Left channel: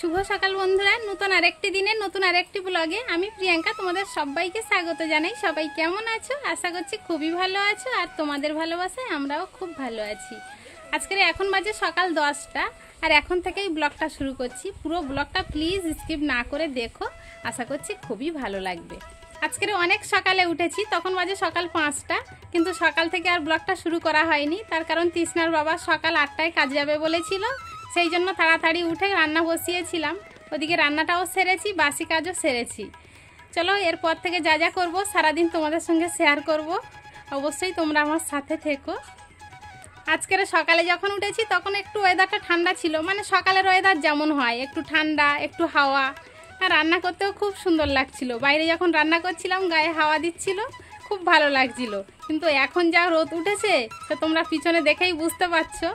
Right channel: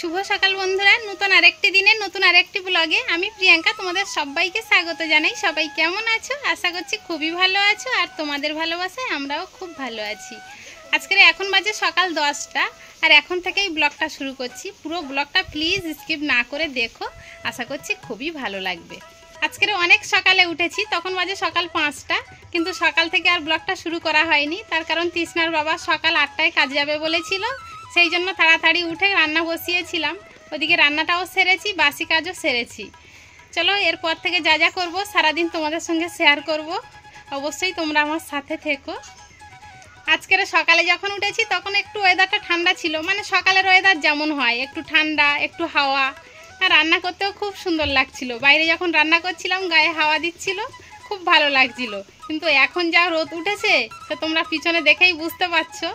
শুভ সকাল বন্ধুরা, নতুন আরেকটি দিনে নতুন আরেকটি ব্লগে আমি প্রিয়াঙ্কা তোমাদের সবাইকে স্বাগত জানাই। সবাই কেমন আছো? আশা করছি খুবই ভালো আছো, আর তোমাদের ভালোবাসায় আমরাও খুব ভালো আছি। আজকের এখন বাজে সকাল 10টা, আর এখন থেকেই ব্লগটা শুরু করছি। পুরো ব্লগটা প্লিজ স্কিপ না করে দেখো, আশা করছি খুবই ভালো লাগবে। আজকের অনেক সকালে উঠেছি, তখন বাজে সকাল 5টা, কিন্তু সকাল থেকে আর ব্লগটা শুরু করা হয়নি। তার কারণ তৃষ্ণার বাবা সকাল 8টায় কাজ যাবে বলেছিল, সেই জন্য তাড়াতাড়ি উঠে রান্না বসিয়েছিলাম। ওদিকে রান্নাটাও সেরেছি, বাসি কাজও সেরেছি। চলো এরপর থেকে যা যা করবো সারাদিন তোমাদের সঙ্গে শেয়ার করব, অবশ্যই তোমরা আমার সাথে থেকো। আজকের সকালে যখন উঠেছি তখন একটু ওয়েদারটা ঠান্ডা ছিল, মানে সকালের ওয়েদার যেমন হয়, একটু ঠান্ডা একটু হাওয়া, আর রান্না করতেও খুব সুন্দর লাগছিল। বাইরে যখন রান্না করছিলাম গায়ে হাওয়া দিচ্ছিল, খুব ভালো লাগছিল। কিন্তু এখন যা রোদ উঠেছে তো তোমরা পিছনে দেখেই বুঝতে পারছো,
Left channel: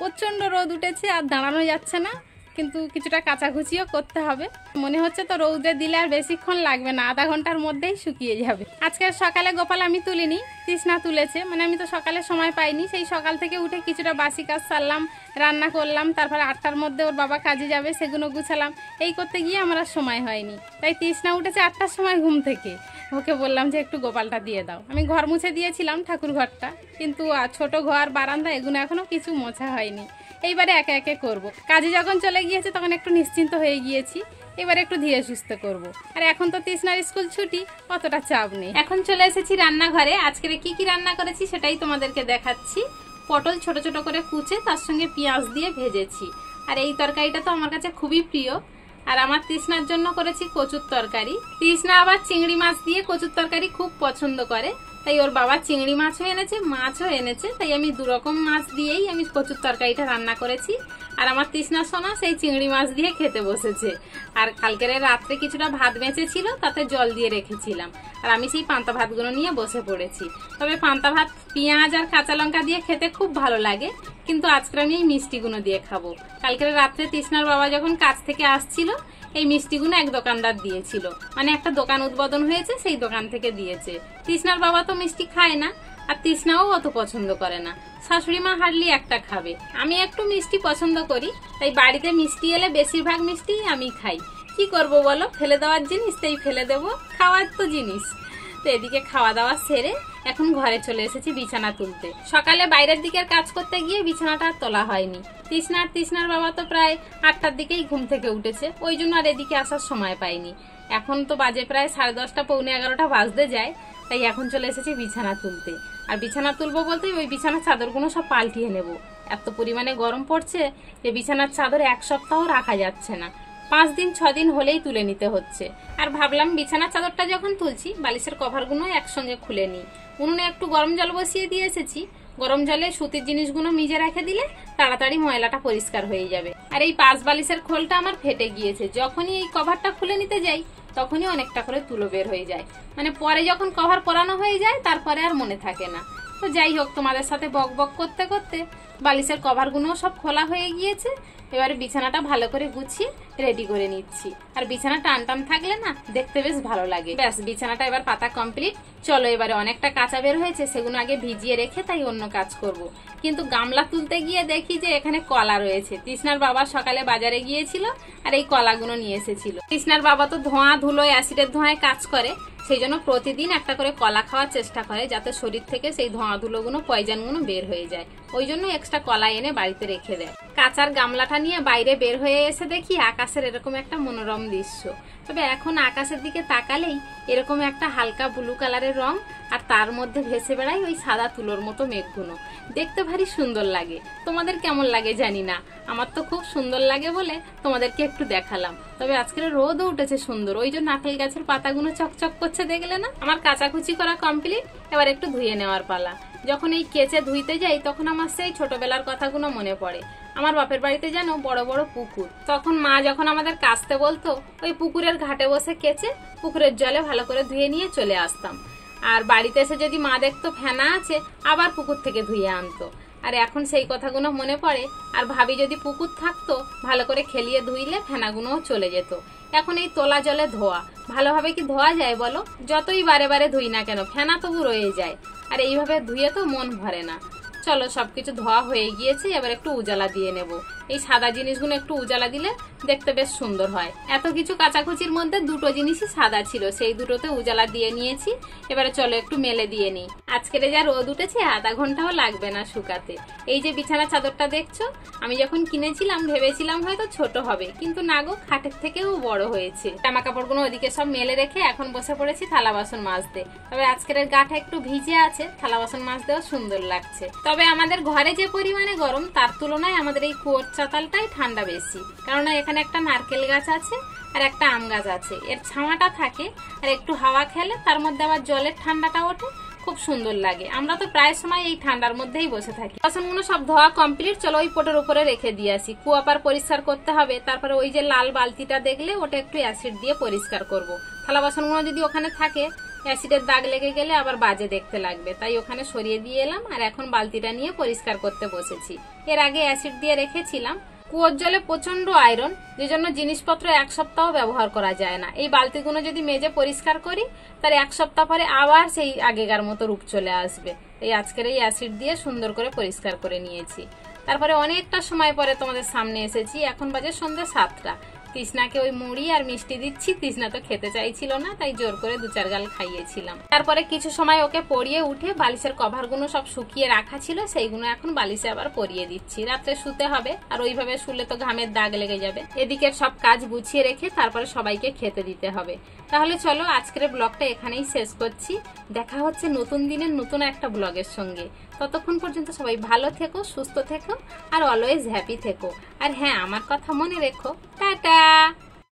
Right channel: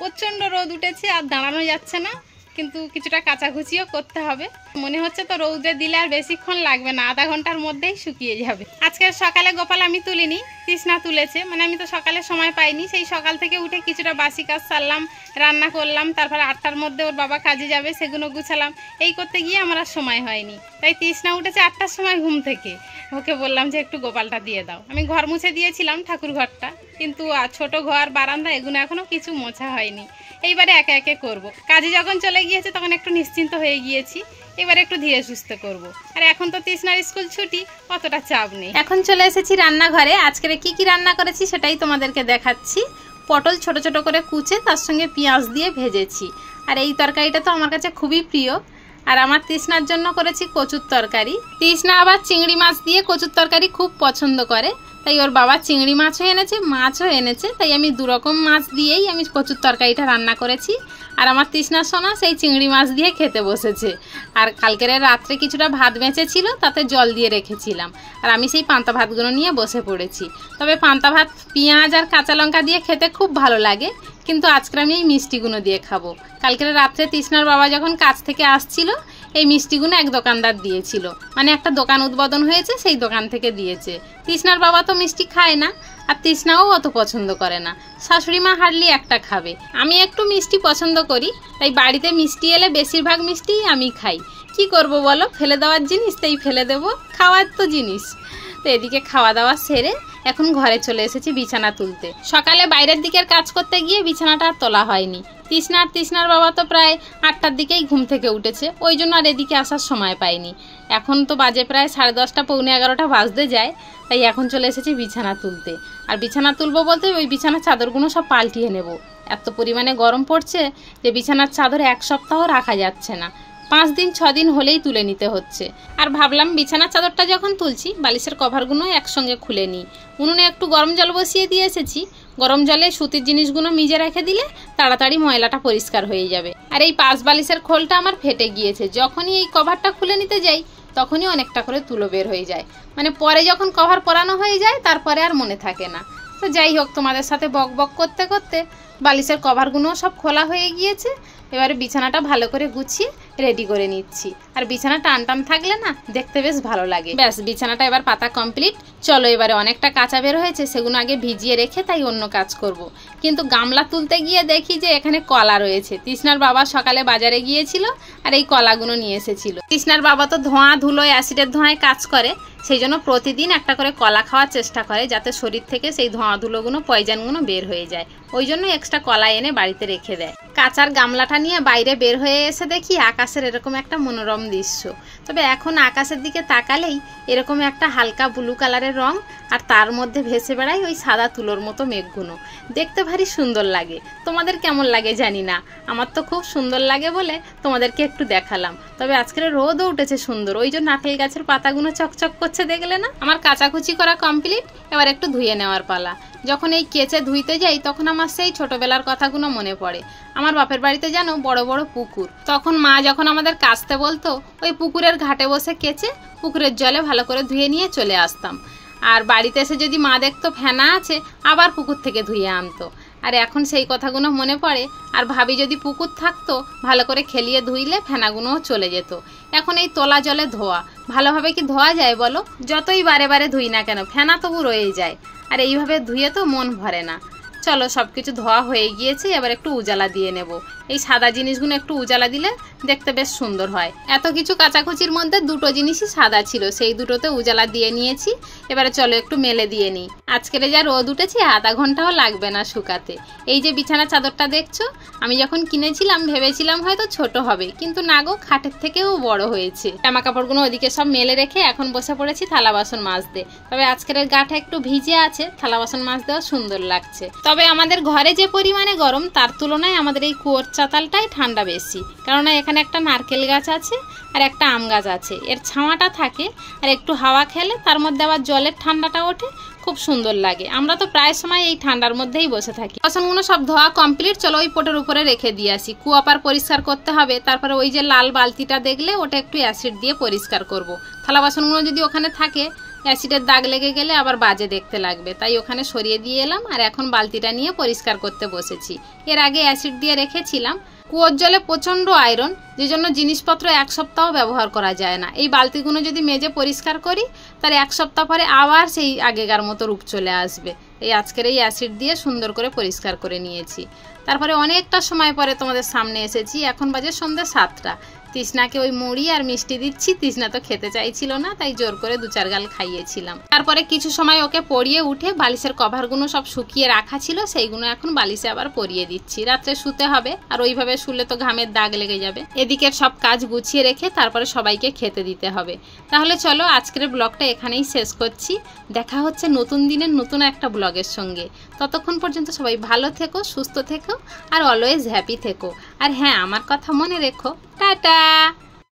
প্রচণ্ড রোদ উঠেছে আর দাঁড়ানো যাচ্ছে না। কিন্তু কিছুটা কাচাকুচিও করতে হবে। মনে হচ্ছে তো রৌদে দিলে আর বেশিক্ষণ লাগবে না, আধা ঘন্টার মধ্যেই শুকিয়ে যাবে। আজকের সকালে গোপাল আমি তুলিনি, তৃষ্ণা তুলেছে। মানে আমি তো সকালে সময় পাইনি, সেই সকাল থেকে উঠে কিছুটা বাসি কাজ সারলাম, রান্না করলাম, তারপরে 8টার মধ্যে ওর বাবা কাজে যাবে, সেগুলো গুছালাম। এই করতে গিয়ে আমার আর সময় হয়নি। তাই তৃষ্ণা উঠেছে 8টার সময় ঘুম থেকে। ওকে বললাম যে একটু গোপালটা দিয়ে দাও। আমি ঘর মুছে দিয়েছিলাম, ঠাকুর ঘরটা, কিন্তু ছোট ঘর বারান্দা এগুলো এখনও কিছু মোছা হয়নি। এইবারে একে একে করব। কাজে যখন চলে গিয়েছে তখন একটু নিশ্চিন্ত হয়ে গিয়েছি, এবারে একটু ধীরে সুস্থে করব। আর এখন তো তৃষ্ণার স্কুল ছুটি, অতটা চাপ নেই। এখন চলে এসেছি রান্নাঘরে। আজকে কি রান্না করেছি সেটাই তোমাদেরকে দেখাচ্ছি। পটল ছোট ছোট করে কুচে তার সঙ্গে পেঁয়াজ দিয়ে ভেজেছি। আর এই তরকারিটা তো আমার কাছে খুবই প্রিয়। আর আমার তৃষ্ণার জন্য করেছি কচুর তরকারি। তৃষ্ণা আবার চিংড়ি মাছ দিয়ে কচুর তরকারি খুব পছন্দ করে, তাই ওর বাবা চিংড়ি মাছও এনেছে, মাছও এনেছে। তাই আমি দুরকম মাছ দিয়েই আমি কচুর তরকারিটা রান্না করেছি। আর আমার তৃষ্ণার সোনা সেই চিংড়ি মাছ দিয়ে খেতে বসেছে। আর কালকের রাত্রে কিছুটা ভাত বেঁচেছিল, তাতে জল দিয়ে রেখেছিলাম। আর আমি সেই পান্তা ভাতগুলো নিয়ে বসে পড়েছি। তবে পান্তা ভাত পেঁয়াজ আর কাঁচা লঙ্কা দিয়ে খেতে খুব ভালো লাগে, কিন্তু আজকে আমি এই মিষ্টিগুলো দিয়ে খাবো। কালকের রাত্রে তৃষ্ণার বাবা যখন কাজ থেকে আসছিল, এই মিষ্টিগুলো এক দোকানদার দিয়েছিল। মানে একটা দোকান উদ্বোধন হয়েছে, সেই দোকান থেকে দিয়েছে। তৃষ্ণার বাবা তো মিষ্টি খায় না, আর তৃষ্ণাও অত পছন্দ করে না। শাশুড়ি মা হার্ডলি একটা খাবে। আমি একটু মিষ্টি পছন্দ করি, তাই বাড়িতে মিষ্টি এলে বেশিরভাগ মিষ্টিই আমি খাই। কি করব বলো, ফেলে দেওয়ার জিনিস তাই ফেলে দেবো, খাওয়ার তো জিনিস। তো এদিকে খাওয়া দাওয়া সেরে এখন ঘরে চলে এসেছি বিছানা তুলতে। সকালে বাইরের দিকের কাজ করতে গিয়ে বিছানাটা আর তোলা হয়নি। তৃষ্ণার বাবা তো প্রায় 8টার দিকেই ঘুম থেকে উঠেছে, ওই জন্য আর এদিকে আসার সময় পাইনি। এখন তো বাজে প্রায় 10:30 পৌনে 11টা বাজতে যায়। তাই এখন চলে এসেছি বিছানা তুলতে। আর বিছানা তুলবো বলতে ওই বিছানার চাদরগুলো সব পাল্টিয়ে নেব। এত পরিমাণে গরম পড়ছে যে বিছানার চাদর এক সপ্তাহ রাখা যাচ্ছে না, 5 দিন 6 দিন হলেই তুলে নিতে হচ্ছে। আর ভাবলাম বিছানার চাদরটা যখন তুলছি বালিশের কভারগুলো একসঙ্গে খুলে নিই। উনুনে একটু গরম জল বসিয়ে দিয়ে এসেছি, গরম জলে সুতির জিনিসগুলো ভিজে রেখে দিলে তাড়াতাড়ি ময়লাটা পরিষ্কার হয়ে যাবে। আর এই 5 বালিশের খোলটা আমার ফেটে গিয়েছে, যখনই এই কভারটা খুলে নিতে যাই তখনই অনেকটা করে তুলো বের হয়ে যায়। মানে পরে যখন কভার পরানো হয়ে যায় তারপরে আর মনে থাকে না। তো যাই হোক, তোমাদের সাথে বক বক করতে করতে বালিশের কভারগুলোও সব খোলা হয়ে গিয়েছে। এবারে বিছানাটা ভালো করে গুছিয়ে রেডি করে নিচ্ছি। আর বিছানা টানটান থাকলে না দেখতে বেশ ভালো লাগে। ব্যাস, বিছানাটা এবার পাতা কমপ্লিট। চলো এবারে অনেকটা কাঁচা বের হয়েছে, সেগুলো আগে ভিজিয়ে রেখে তাই অন্য কাজ করব। কিন্তু গামলা তুলতে গিয়ে দেখি যে এখানে কলা রয়েছে। তৃষ্ণার বাবা সকালে বাজারে গিয়েছিল আর এই কলাগুলো নিয়ে এসেছিল। তৃষ্ণার বাবা তো ধোঁয়া ধুলোয় অ্যাসিডের ধোঁয়ায় কাজ করে, সেই জন্য প্রতিদিন একটা করে কলা খাওয়ার চেষ্টা করে, যাতে শরীর থেকে সেই ধোঁয়া ধুলোগুলো পয়জানগুলো বের হয়ে যায়। ওই জন্য এক্সট্রা কলা এনে বাড়িতে রেখে দেয়। কাঁচার গামলাটা নিয়ে বাইরে বের হয়ে এসে দেখি আকাশের এরকম একটা মনোরম দৃশ্য। তবে এখন আকাশের দিকে তাকালেই এরকম একটা হালকা ব্লু কালারের রং, আর তার মধ্যে ভেসে বেড়ায় ওই সাদা তুলোর মতো মেঘগুলো। দেখতে ভারী সুন্দর লাগে। তোমাদের কেমন লাগে জানি না, আমার তো খুব সুন্দর লাগে বলে তোমাদেরকে একটু দেখালাম। তবে আজকের রোদও উঠেছে সুন্দর, ওই জন্য নারকেল গাছের পাতাগুলো চকচক করছে, দেখলে না? আমার কাচাকুচি করা কমপ্লিট, এবার একটু ধুয়ে নেওয়ার পালা। যখন এই কেচে ধুইতে যাই তখন আমার সেই ছোটবেলার কথাগুলো মনে পড়ে। আমার বাপের বাড়িতে জানো বড় বড় পুকুর, তখন মা যখন আমাদের কাচতে বলতো ওই পুকুরের ঘাটে বসে কেচে পুকুরের জলে ভালো করে ধুয়ে নিয়ে চলে আসতাম। আর বাড়িতে এসে যদি মা দেখতো ফেনা আছে, আবার পুকুর থেকে ধুয়ে আনতো। আর এখন সেই কথাগুলো মনে পড়ে, আর ভাবি যদি পুকুর থাকতো ভালো করে খেলিয়ে ধুইলে ফেনাগুলোও চলে যেত। এখন এই তোলা জলে ধোয়া, ভালোভাবে কি ধোয়া যায় বলো? যতই বারে বারে ধুই না কেন ফেনা তবু রয়ে যায়, আর এইভাবে ধুয়ে তো মন ভরে না। চলো সবকিছু ধোয়া হয়ে গিয়েছে, এবার একটু উজালা দিয়ে নেব। এই সাদা জিনিসগুলো একটু উজালা দিলে দেখতে বেশ সুন্দর হয়। এত কিছু কাচাকুচির মধ্যে দুটো জিনিসই সাদা ছিল, সেই দুটোতে উজালা দিয়ে নিয়েছি। এবারে চলো একটু মেলে দিয়ে নিই। আজকের যা রোদ উঠেছে আধা ঘন্টাও লাগবে না শুকাতে। এই যে বিছানা চাদরটা দেখছো, আমি যখন কিনেছিলাম ভেবেছিলাম হয়তো ছোট হবে, কিন্তু না গো, খাটের থেকেও বড় হয়েছে। জামা কাপড়গুলো ওদিকে সব মেলে রেখে এখন বসে পড়েছি থালা বাসন মাজতে। তবে আজকের গাটা একটু ভিজে আছে, থালা বাসন মাজতেও সুন্দর লাগছে। তবে আমাদের ঘরে যে পরিমাণে গরম তার তুলনায় আমাদের এই কুয়োর চাতালটাই ঠান্ডা বেশি, কারণ এখানে একটা নারকেল গাছ আছে আর একটা আম গাছ আছে। এর ছাওয়াটা থাকে আর একটু হাওয়া খেলে তার মধ্যে আবার জলের ঠান্ডাটা ওঠে, খুব সুন্দর লাগে। আমরা তো প্রায় সময় এই ঠান্ডার মধ্যেই বসে থাকি। বাসনগুলো সব ধোয়া কমপ্লিট, চলো ওই পটের উপরে রেখে দিয়ে আসি। কুয়া পার পরিষ্কার করতে হবে, তারপরে ওই যে লাল বালতিটা দেখলে ওটা একটু অ্যাসিড দিয়ে পরিষ্কার করব। থালা বাসনগুলো যদি ওখানে থাকে অ্যাসিডের দাগ লেগে গেলে আবার বাজে দেখতে লাগবে, তাই ওখানে সরিয়ে দিয়ে এলাম আর এখন বালতিটা নিয়ে পরিষ্কার করতে বসেছি। এর আগে অ্যাসিড দিয়ে রেখেছিলাম। কুয়োর জলে প্রচণ্ড আয়রন, যে জন্য জিনিসপত্র এক সপ্তাহ ব্যবহার করা যায় না। এই বালতিগুলো যদি মেজে পরিষ্কার করি তার এক সপ্তাহ পরে আবার সেই আগেকার মতো রূপ চলে আসবে। এই আজকের এই অ্যাসিড দিয়ে সুন্দর করে পরিষ্কার করে নিয়েছি। তারপরে অনেকটা সময় পরে তোমাদের সামনে এসেছি। এখন বাজে সন্ধ্যা 7টা। তৃষ্ণাকে ওই মুড়ি আর মিষ্টি দিচ্ছি। তৃষ্ণা তো খেতে চাইছিল না, তাই জোর করে 2-4 গাল খাইয়েছিলাম। তারপরে কিছু সময় ওকে পরিয়ে উঠে বালিশের কভারগুলো সব শুকিয়ে রাখা ছিল, সেইগুলো এখন বালিশে আবার পরিয়ে দিচ্ছি। রাত্রে শুতে হবে, আর ওইভাবে শুলে তো ঘামের দাগ লেগে যাবে। এদিকের সব কাজ গুছিয়ে রেখে তারপরে সবাইকে খেতে দিতে হবে। তাহলে চলো আজকের ব্লগটা এখানেই শেষ করছি। দেখা হচ্ছে নতুন দিনের নতুন একটা ব্লগের সঙ্গে। ততক্ষণ পর্যন্ত সবাই ভালো থেকো, সুস্থ থেকো আর অলওয়েজ হ্যাপি থেকো। আর হ্যাঁ, আমার কথা মনে রেখো। টাটা।